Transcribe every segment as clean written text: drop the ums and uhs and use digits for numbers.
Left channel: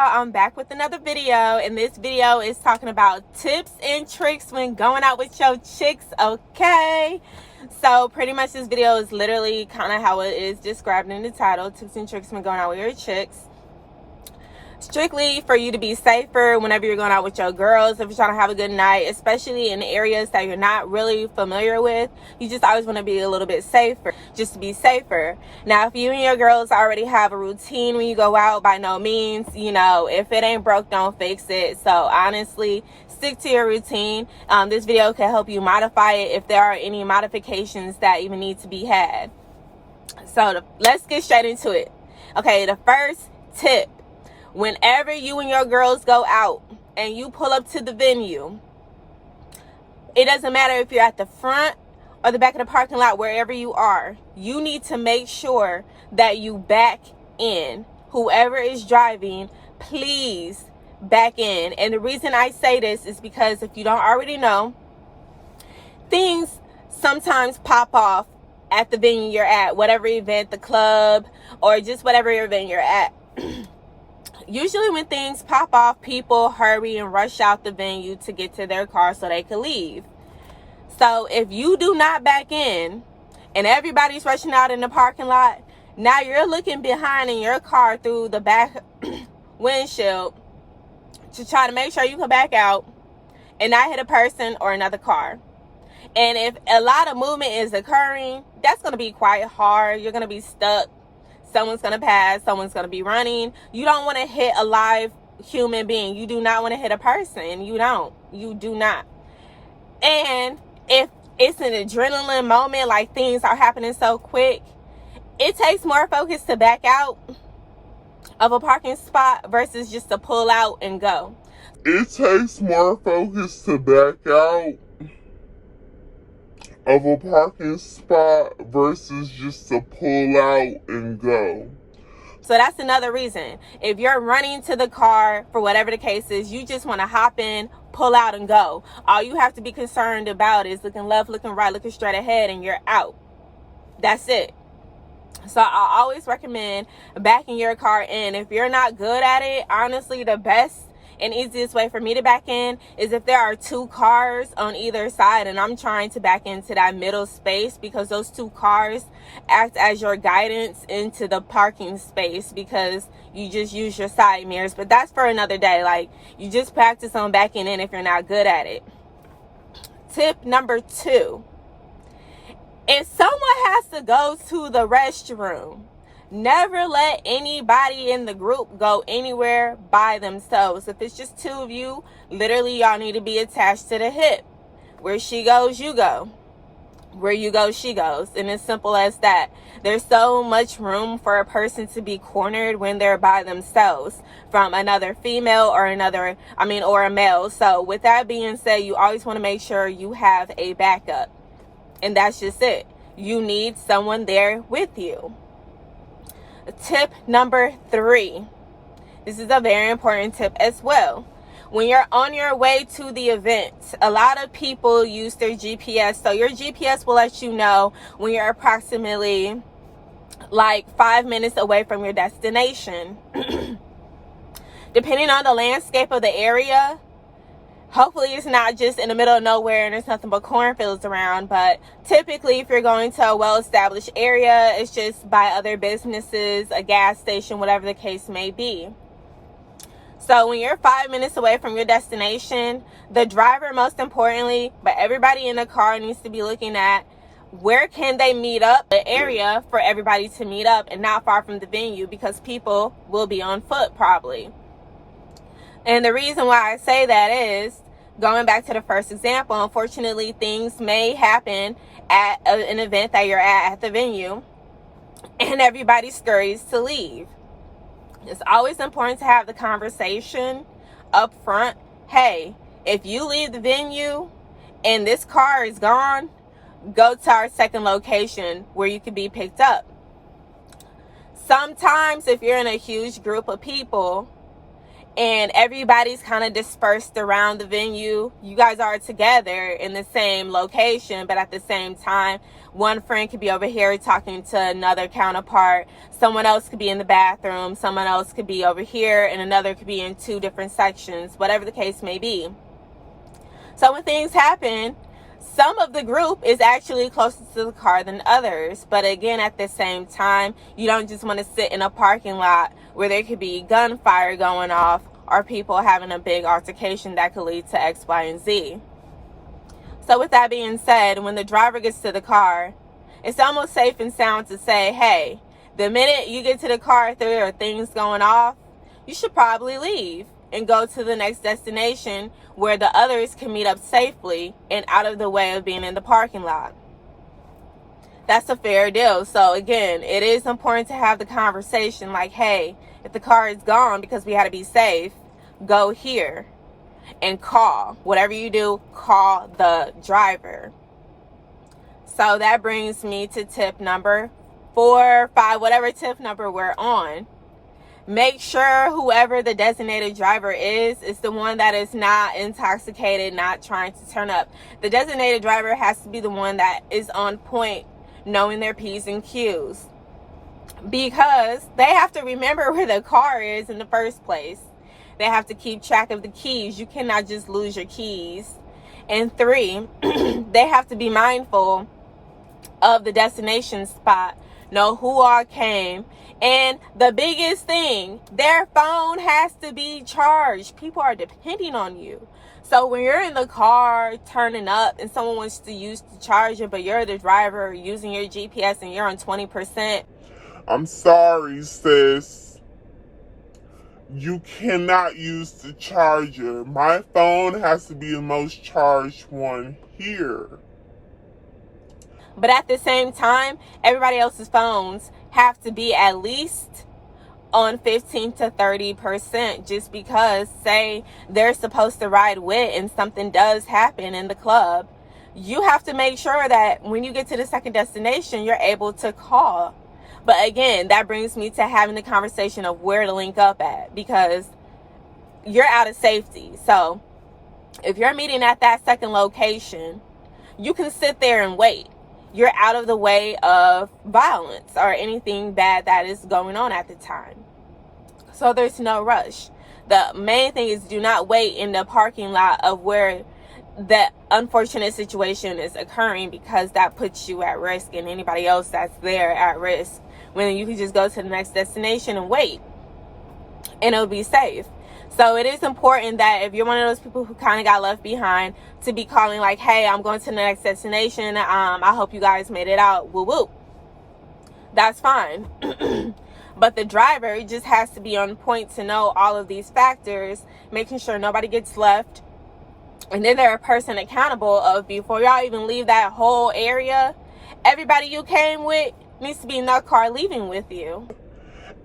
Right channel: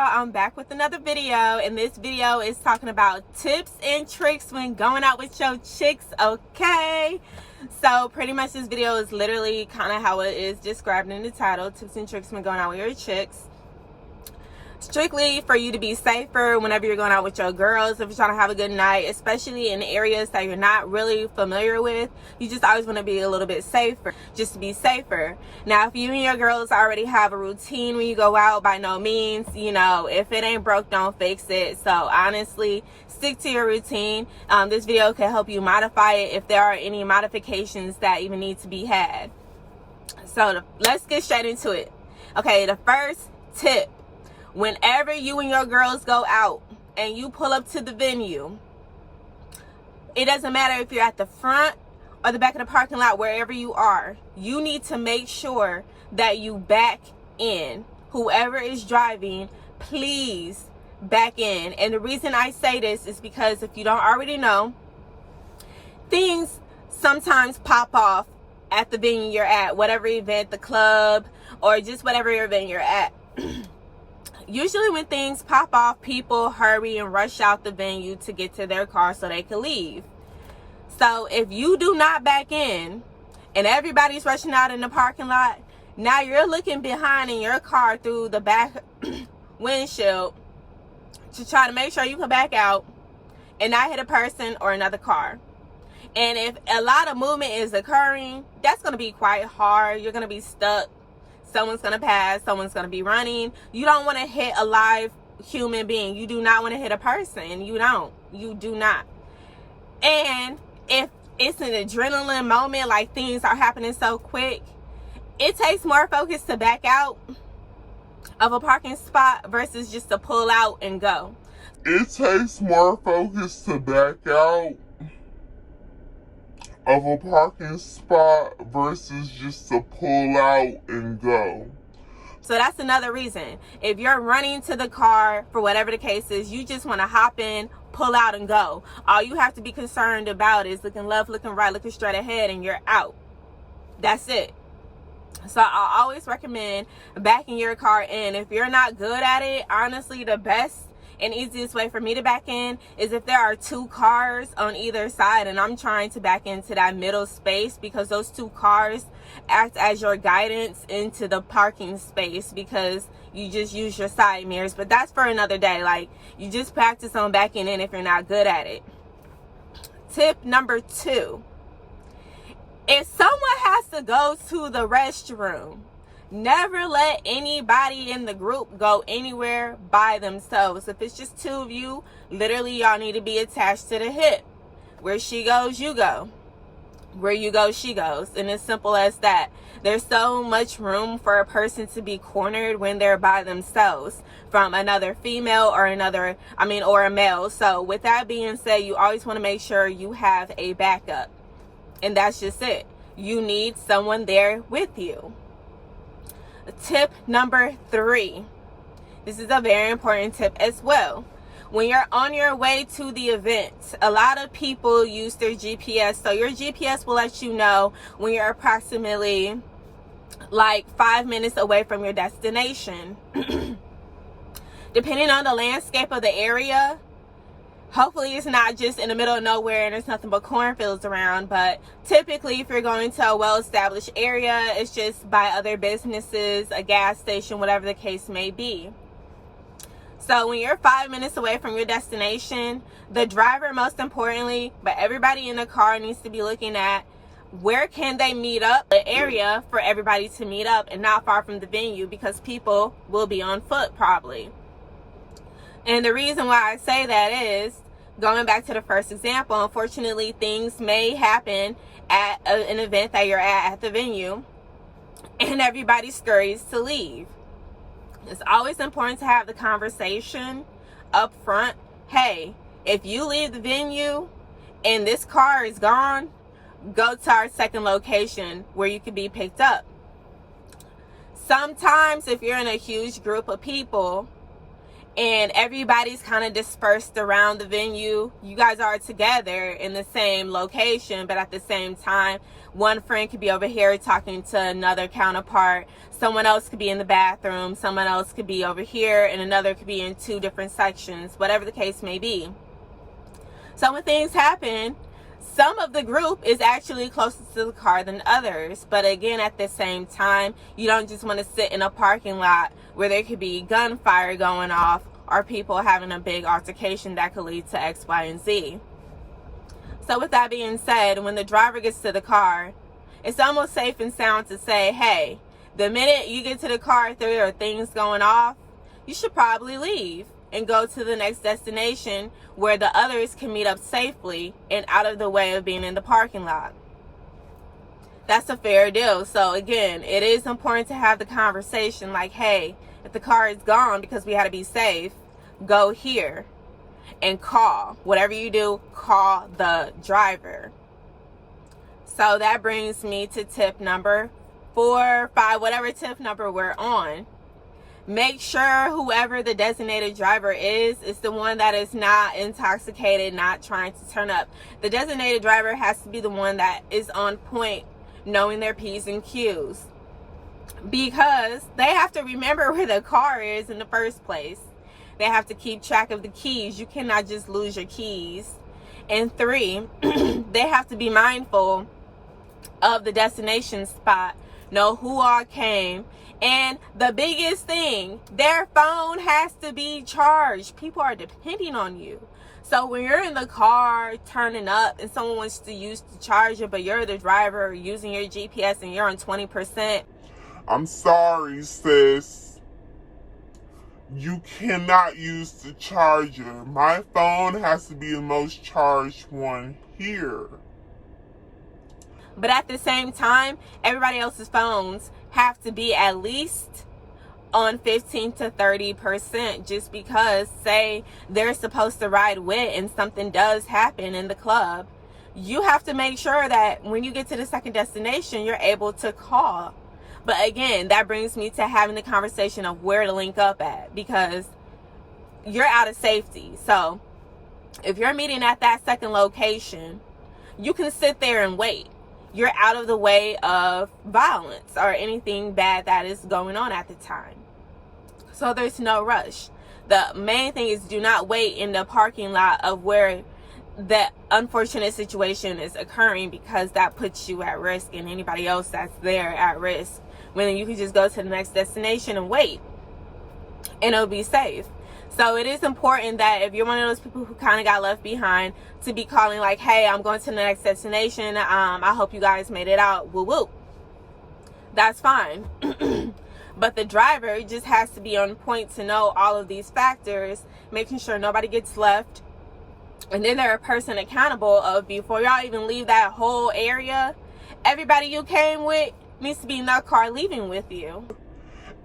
I'm back with another video, and this video is talking about tips and tricks when going out with your chicks. Okay, so pretty much this video is literally kind of how it is described in the title: tips and tricks when going out with your chicks. Strictly for you to be safer whenever you're going out with your girls. If you're trying to have a good night, especially in areas that you're not really familiar with, you just always want to be a little bit safer, just to be safer. Now, if you and your girls already have a routine when you go out, by no means, if it ain't broke, don't fix it. So honestly, stick to your routine. This video can help you modify it if there are any modifications that even need to be had. So let's get straight into it. Okay, the first tip: whenever you and your girls go out and you pull up to the venue, it doesn't matter if you're at the front or the back of the parking lot, wherever you are, you need to make sure that you back in. Whoever is driving, please back in. And the reason I say this is because if you don't already know, things sometimes pop off at the venue you're at, whatever event, the club, or just whatever event you're at. Usually when things pop off, people hurry and rush out the venue to get to their car so they can leave. So if you do not back in and everybody's rushing out in the parking lot, now you're looking behind in your car through the back windshield to try to make sure you can back out and not hit a person or another car. And if a lot of movement is occurring, that's going to be quite hard. You're going to be stuck. Someone's going to pass. Someone's going to be running. You don't want to hit a live human being. You do not want to hit a person. You do not. And if it's an adrenaline moment, like things are happening so quick, it takes more focus to back out of a parking spot versus just to pull out and go. It takes more focus to back out of a parking spot versus just to pull out and go. So that's another reason. If you're running to the car, for whatever the case is, you just want to hop in, pull out, and go. All you have to be concerned about is looking left, looking right, looking straight ahead, and you're out. That's it. So I always recommend backing your car in. If you're not good at it, honestly, the best and easiest way for me to back in is if there are two cars on either side and I'm trying to back into that middle space, because those two cars act as your guidance into the parking space, because you just use your side mirrors. But that's for another day. Like, you just practice on backing in if you're not good at it. Tip number 2: if someone has to go to the restroom, never let anybody in the group go anywhere by themselves. If it's just two of you, literally y'all need to be attached to the hip. Where she goes, you go. Where you go, she goes. And it's simple as that. There's so much room for a person to be cornered when they're by themselves from another female or or a male. So with that being said, you always want to make sure you have a backup. And that's just it. You need someone there with you. Tip number 3. This is a very important tip as well. When you're on your way to the event, a lot of people use their GPS. So your GPS will let you know when you're approximately like 5 minutes away from your destination. Depending on the landscape of the area, hopefully it's not just in the middle of nowhere and there's nothing but cornfields around. But typically, if you're going to a well-established area, it's just by other businesses, a gas station, whatever the case may be. So when you're 5 minutes away from your destination, the driver, most importantly, but everybody in the car needs to be looking at where can they meet up, the area for everybody to meet up, and not far from the venue, because people will be on foot probably. And the reason why I say that is, going back to the first example, unfortunately, things may happen at an event that you're at the venue, and everybody scurries to leave. It's always important to have the conversation up front. Hey, if you leave the venue and this car is gone, go to our second location where you can be picked up. Sometimes if you're in a huge group of people and everybody's kind of dispersed around the venue. You guys are together in the same location, but at the same time, one friend could be over here talking to another counterpart. Someone else could be in the bathroom. Someone else could be over here, and another could be in two different sections, whatever the case may be. So when things happen, some of the group is actually closer to the car than others. But again, at the same time, you don't just want to sit in a parking lot where there could be gunfire going off or people having a big altercation that could lead to X, Y, and Z. So with that being said, when the driver gets to the car, it's almost safe and sound to say, hey, the minute you get to the car, if there are things going off, you should probably leave and go to the next destination where the others can meet up safely and out of the way of being in the parking lot. That's a fair deal. So again, it is important to have the conversation like, hey, if the car is gone because we had to be safe, go here and call. Whatever you do, call the driver. So that brings me to tip number 4, 5, whatever tip number we're on. Make sure whoever the designated driver is the one that is not intoxicated, not trying to turn up. The designated driver has to be the one that is on point, knowing their P's and Q's, because they have to remember where the car is in the first place. They have to keep track of the keys. You cannot just lose your keys. And 3, they have to be mindful of the destination spot, know who all came. And the biggest thing, their phone has to be charged. People are depending on you. So when you're in the car turning up and someone wants to use the charger, but you're the driver using your GPS and you're on 20%. I'm sorry, sis. You cannot use the charger. My phone has to be the most charged one here. But at the same time, everybody else's phones have to be at least on 15 to 30%, just because, say, they're supposed to ride with and something does happen in the club. You have to make sure that when you get to the second destination, you're able to call. But again, that brings me to having the conversation of where to link up at, because you're out of safety. So if you're meeting at that second location, you can sit there and wait. You're out of the way of violence or anything bad that is going on at the time. So there's no rush. The main thing is do not wait in the parking lot of where the unfortunate situation is occurring, because that puts you at risk and anybody else that's there at risk, when you can just go to the next destination and wait and it'll be safe. So it is important that if you're one of those people who kind of got left behind, to be calling like, hey, I'm going to the next destination. I hope you guys made it out. Woo woo. That's fine. But the driver just has to be on point to know all of these factors, making sure nobody gets left. And then they're a person accountable of, before y'all even leave that whole area, everybody you came with needs to be in that car leaving with you.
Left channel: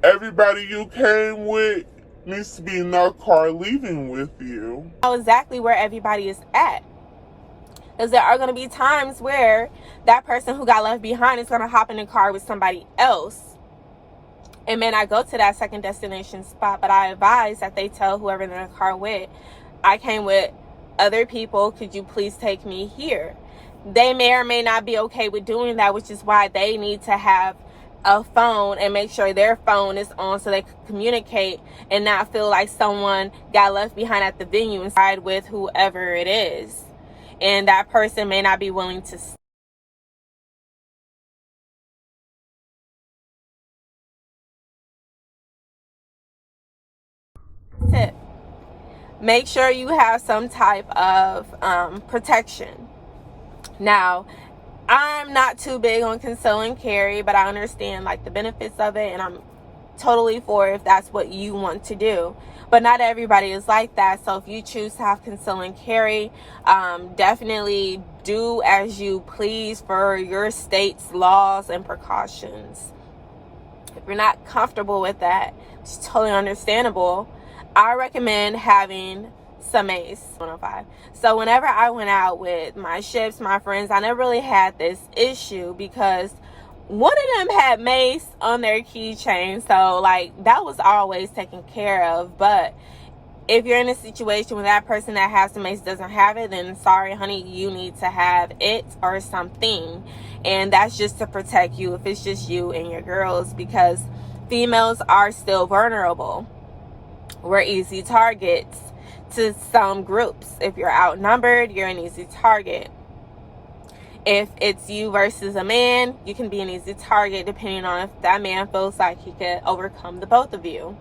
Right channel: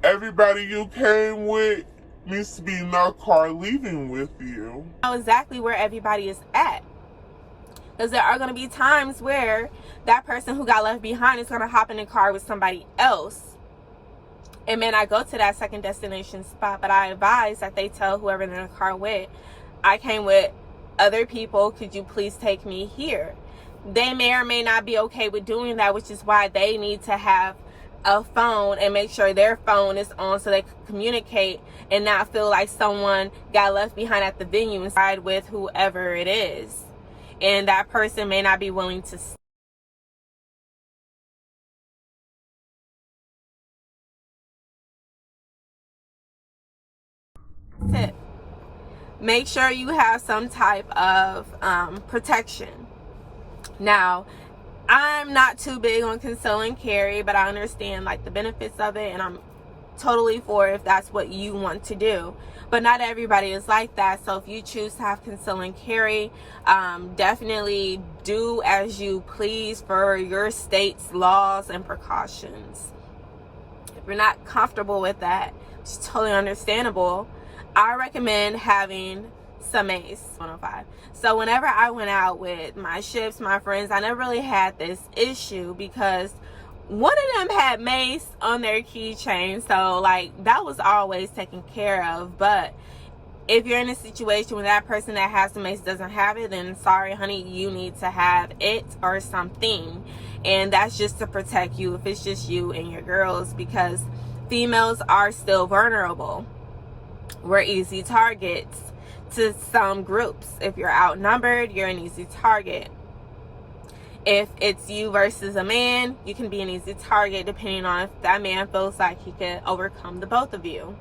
Everybody you came with needs to be in that car leaving with you. Know exactly where everybody is at. Because there are going to be times where that person who got left behind is going to hop in the car with somebody else and may not go to that second destination spot. But I advise that they tell whoever they're in the car with, I came with other people, could you please take me here? They may or may not be okay with doing that, which is why they need to have a phone and make sure their phone is on so they can communicate and not feel like someone got left behind at the venue and ride with whoever it is. And that person may not be willing to tip. Make sure you have some type of protection. Now, I'm not too big on conceal and carry, but I understand like the benefits of it, and I'm totally for if that's what you want to do. But not everybody is like that. So if you choose to have conceal and carry, definitely do as you please for your state's laws and precautions. If you're not comfortable with that, it's totally understandable. I recommend having some mace. 105. So whenever I went out with my ships, my friends, I never really had this issue because one of them had mace on their keychain. So like that was always taken care of. But If you're in a situation where that person that has the mace doesn't have it, then sorry, honey, you need to have it or something. And that's just to protect you if it's just you and your girls, because females are still vulnerable. We're easy targets to some groups. If you're outnumbered, you're an easy target. If it's you versus a man, you can be an easy target depending on if that man feels like he could overcome the both of you.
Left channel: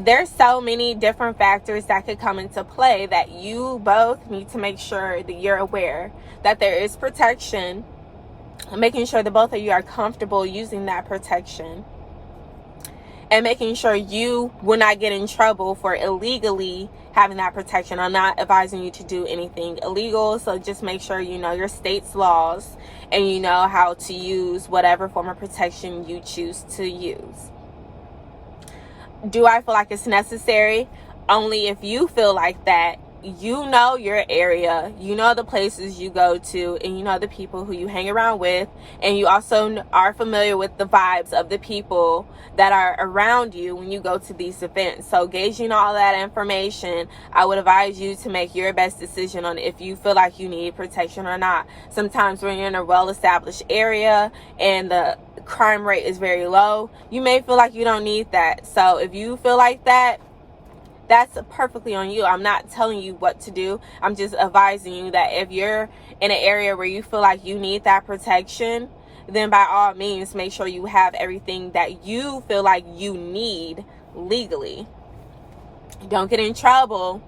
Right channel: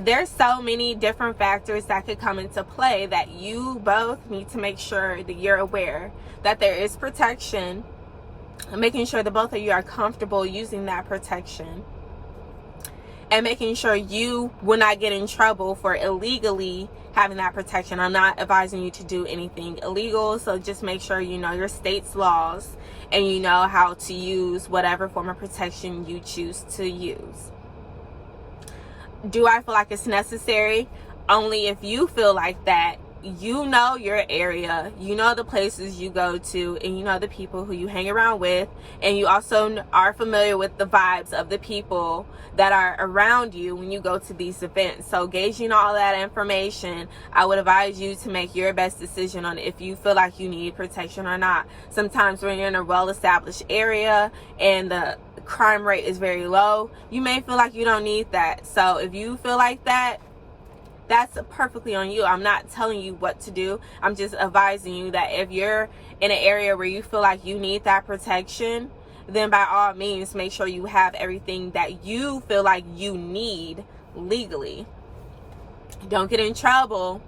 There's so many different factors that could come into play that you both need to make sure that you're aware that there is protection, making sure that both of you are comfortable using that protection, and making sure you will not get in trouble for illegally having that protection. I'm not advising you to do anything illegal, so just make sure you know your state's laws and you know how to use whatever form of protection you choose to use. Do I feel like it's necessary? Only if you feel like that. You know your area, you know the places you go to, and you know the people who you hang around with, and you also are familiar with the vibes of the people that are around you when you go to these events. So gauging all that information, I would advise you to make your best decision on if you feel like you need protection or not. Sometimes when you're in a well-established area and the crime rate is very low, you may feel like you don't need that. So if you feel like that, that's perfectly on you. I'm not telling you what to do. I'm just advising you that if you're in an area where you feel like you need that protection, then by all means, make sure you have everything that you feel like you need legally. Don't get in trouble,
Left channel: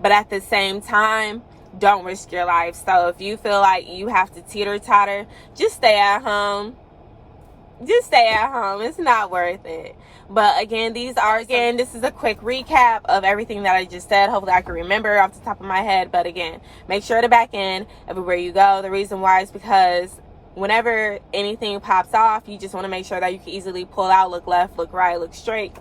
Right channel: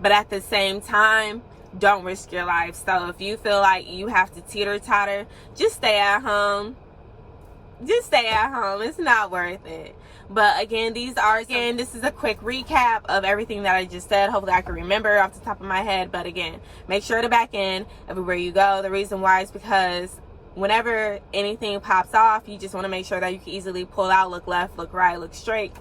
but at the same time, don't risk your life. So if you feel like you have to teeter-totter, just stay at home. Just stay at home. It's not worth it. But again, this is a quick recap of everything that I just said. Hopefully I can remember off the top of my head. But again, make sure to back in everywhere you go. The reason why is because whenever anything pops off, you just want to make sure that you can easily pull out, look left, look right, look straight,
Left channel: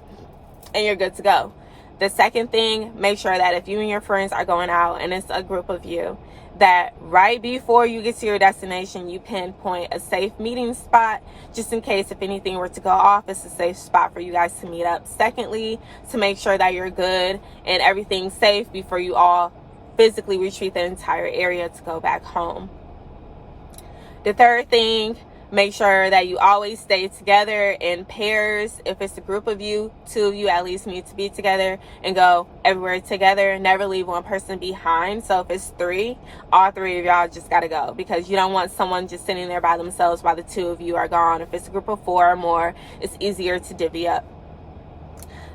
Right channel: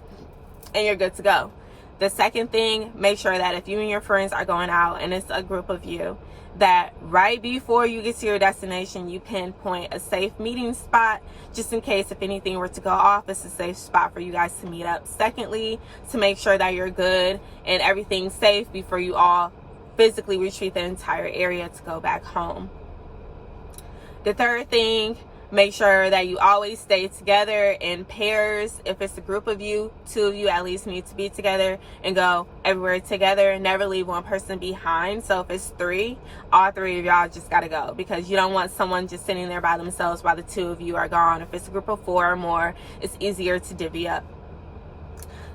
and you're good to go. The second thing, make sure that if you and your friends are going out and it's a group of you, that right before you get to your destination, you pinpoint a safe meeting spot, just in case if anything were to go off, it's a safe spot for you guys to meet up. Secondly, to make sure that you're good and everything's safe before you all physically retreat the entire area to go back home. The third thing, make sure that you always stay together in pairs. If it's a group of you, 2 of you at least need to be together and go everywhere together. Never leave one person behind. So if it's 3, all 3 of y'all just gotta go, because you don't want someone just sitting there by themselves while the 2 of you are gone. If it's a group of 4 or more, it's easier to divvy up.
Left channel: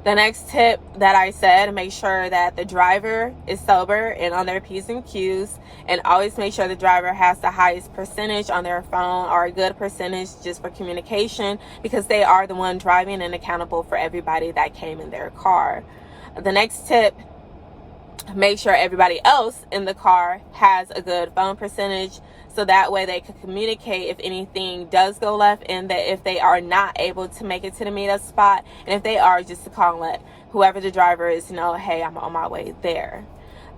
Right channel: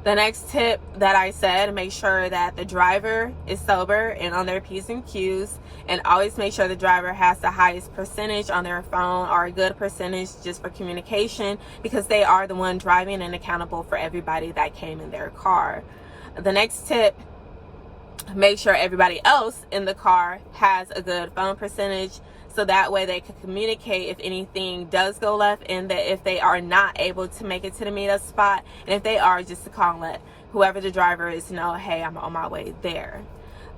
The next tip that I said, make sure that the driver is sober and on their P's and Q's, and always make sure the driver has the highest percentage on their phone, or a good percentage just for communication, because they are the one driving and accountable for everybody that came in their car. The next tip, make sure everybody else in the car has a good phone percentage, so that way they can communicate if anything does go left, and that if they are not able to make it to the meetup spot, and if they are, just to call and let whoever the driver is know, hey, I'm on my way there.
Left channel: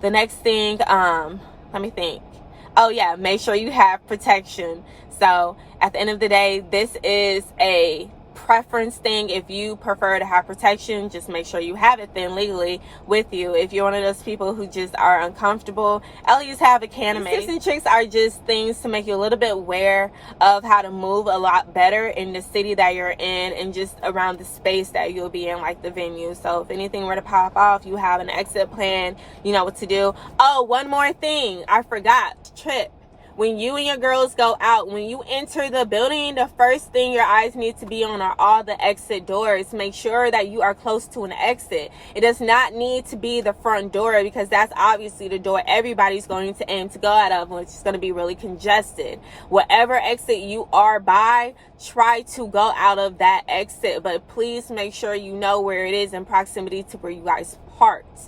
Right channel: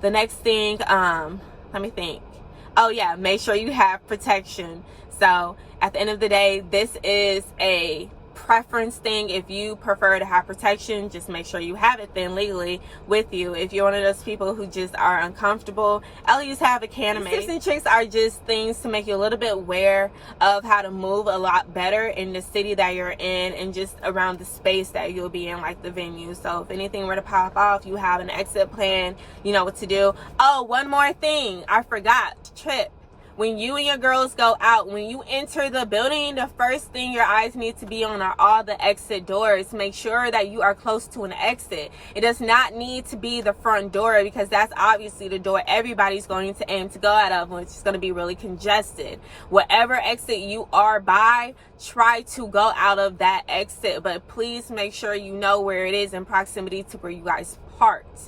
The next thing, let me think. Oh yeah, make sure you have protection. So at the end of the day, this is a preference thing. If you prefer to have protection, just make sure you have it then legally with you. If you're one of those people who just are uncomfortable, at least have a can. Tips and tricks are just things to make you a little bit aware of how to move a lot better in the city that you're in, and just around the space that you'll be in, like the venue. So if anything were to pop off, you have an exit plan, you know what to do. Oh, one more thing I forgot. Trip. When you and your girls go out, when you enter the building, the first thing your eyes need to be on are all the exit doors. Make sure that you are close to an exit. It does not need to be the front door, because that's obviously the door everybody's going to aim to go out of, which is going to be really congested. Whatever exit you are by, try to go out of that exit, but please make sure you know where it is in proximity to where you guys parked.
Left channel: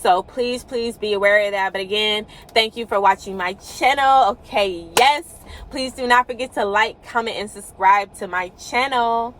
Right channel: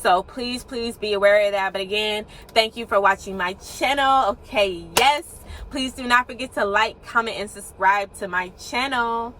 So please be aware of that. But again, thank you for watching my channel. Okay, yes, please do not forget to like, comment, and subscribe to my channel.